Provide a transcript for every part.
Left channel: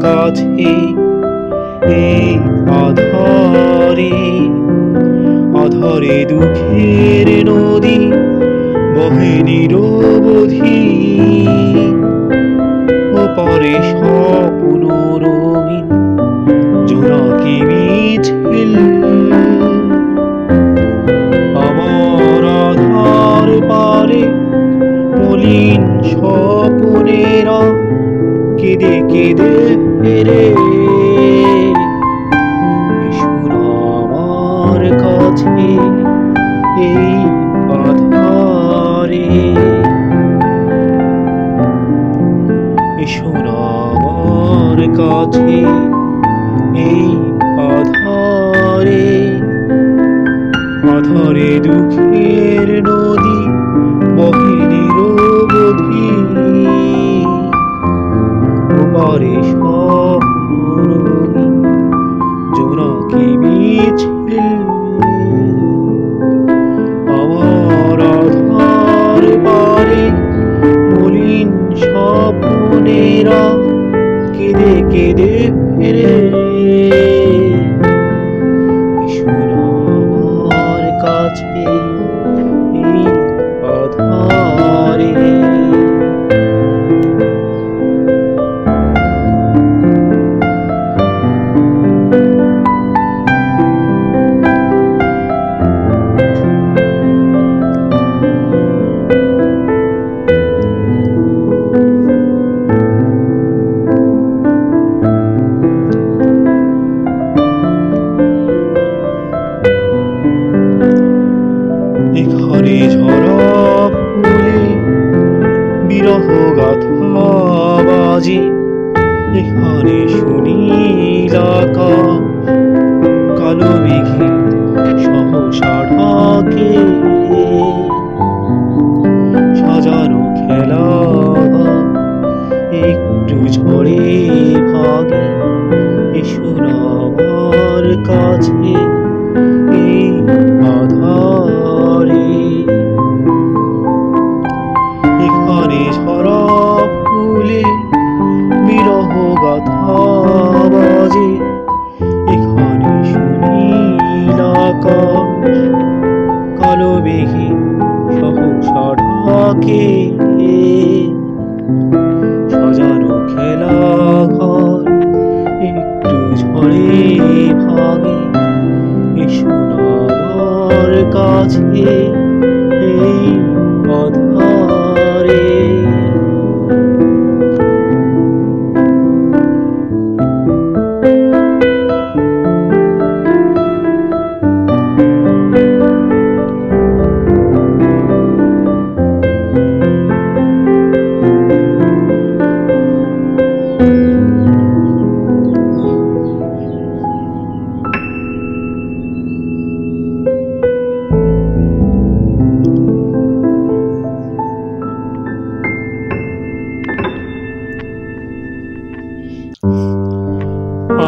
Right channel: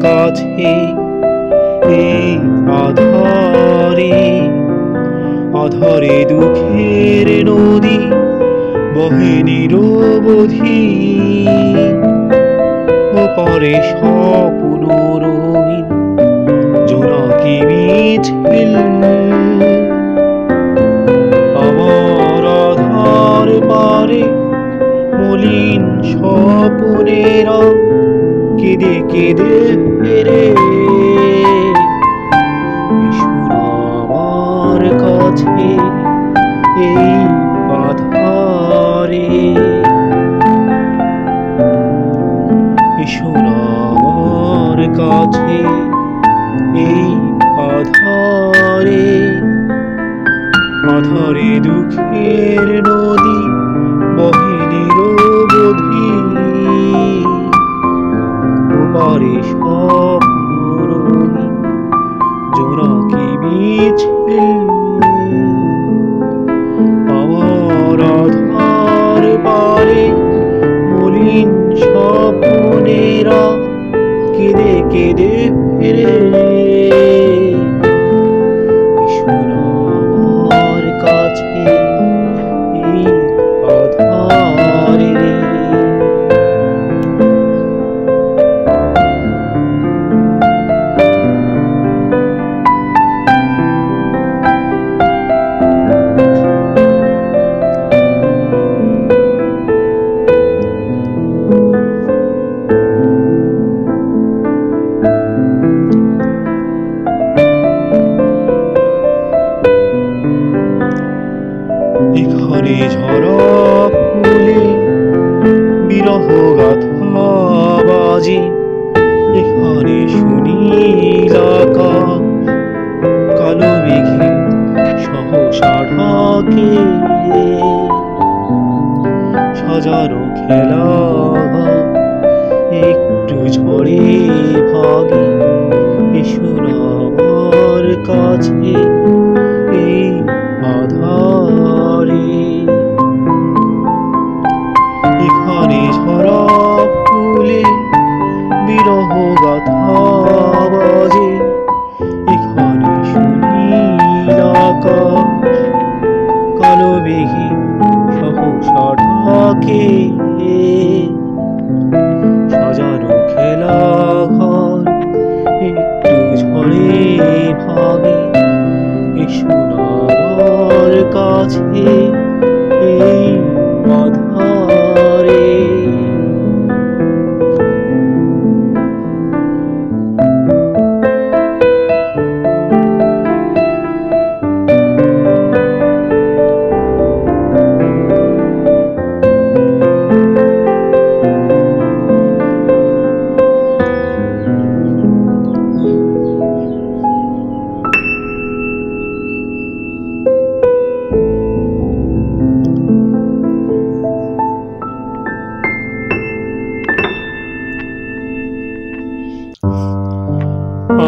কাছে এই আধারে আধারে দুঃখের নদী বহে নিরবধি ওপারে স্বপ্ন রঙিন জোনাকি মিছিল আমার আধার পারে মলিন স্বপ্নেরা কেঁদে কেঁদে ফেরে এসো আমার কাছে এই আধারে এসো আমার কাছে এই আধারে আধারে দুঃখের নদী বহে নিরবধি ওপারে স্বপ্ন রঙিন জোনাকি মিছিল আমার আধার পারে মলিন স্বপ্নেরা কেঁদে কেঁদে ফেরে এসো আমার কাছে এই আধারে এখানে ঝরা ফুলে বিরহ গাথা বাজে এখানে সুনীল আকাশ কালো মেঘে সহসা ঢাকে সাজানো খেলা একটু ঝড়ে ভাগে এসো আমার কাছে এই আধারে এখানে ঝরা ফুলে বিরহ গাথা বাজে এখানে সুনীল আকাশ কালো মেঘে সহসা ঢাকে সাজানো খেলা ঘর একটু ঝড়ে ভাগে এসো আমার কাছে এই আধারে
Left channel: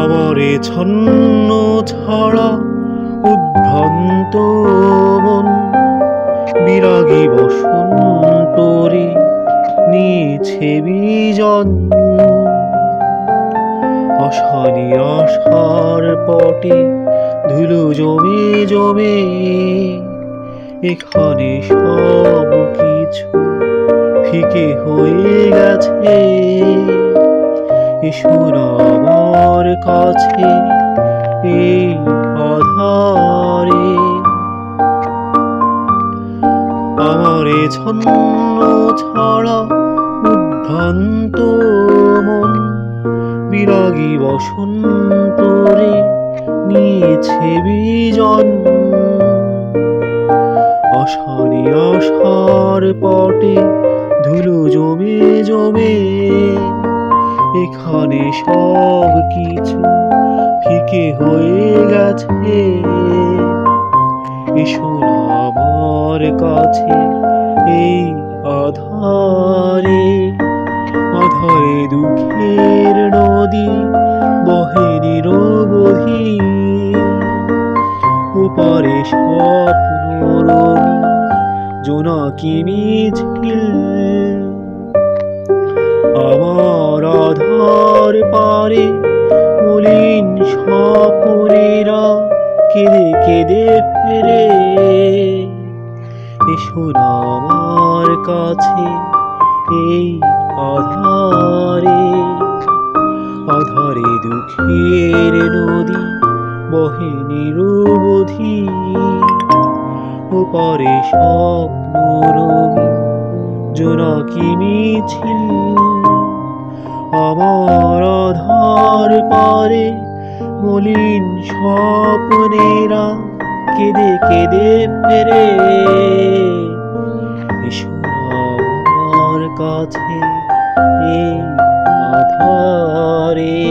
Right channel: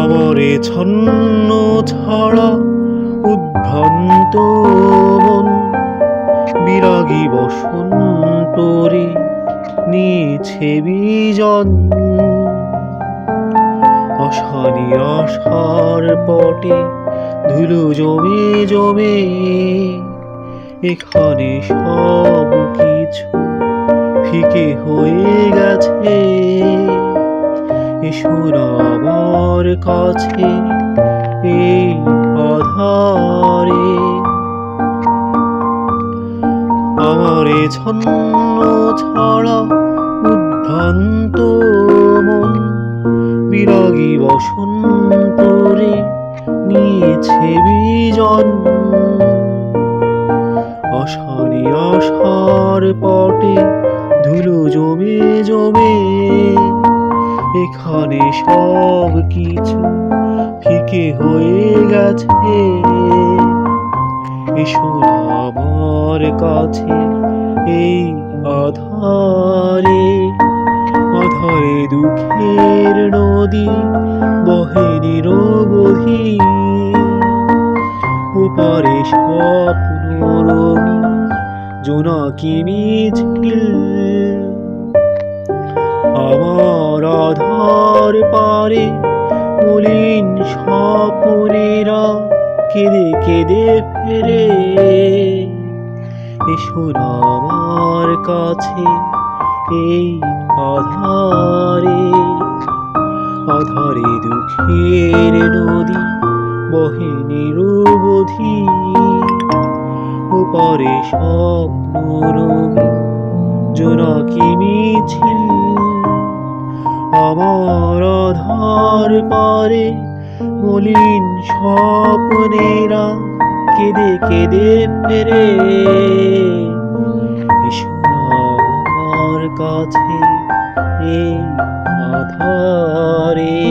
আমারে ছন্ন ছাড়া উদ্ভ্রান্ত মন বিরাগী বসন্তরে নিয়েছে বিজন আশানি আশার পটে ধুলো জমে জমে এখানে সব কিছু ফিকে হয়ে গেছে এসো আমার কাছে এই আধারে আমারে ছন্ন ছাড়া উদ্ভ্রান্ত মন বিরাগী বসন্তরে নিয়েছে বিজন আশারি আশার পটে ধুলো জমে জমে এখানে সব কিছু ফিকে হয়ে গেছে এসো আমার কাছে এই আধারে আধারে দুঃখের নদী বহে নিরবধি ওপারে স্বপ্ন রঙিন জোনাকি মিছিল আমার আধার পারে মলিন স্বপনেরা কেঁদে কেঁদে ফেরে। এসো না আমার কাছে এই আধারে, আধারে দুঃখের নদী বহে নিরবধি। ওপারে স্বপ্ন রঙিন জোনাকি মিছিল, আমার আধার পারে মলিন স্বপ্নেরা কেঁদে কেঁদে ফেরে। এসো না আমার কাছে এই আধারে।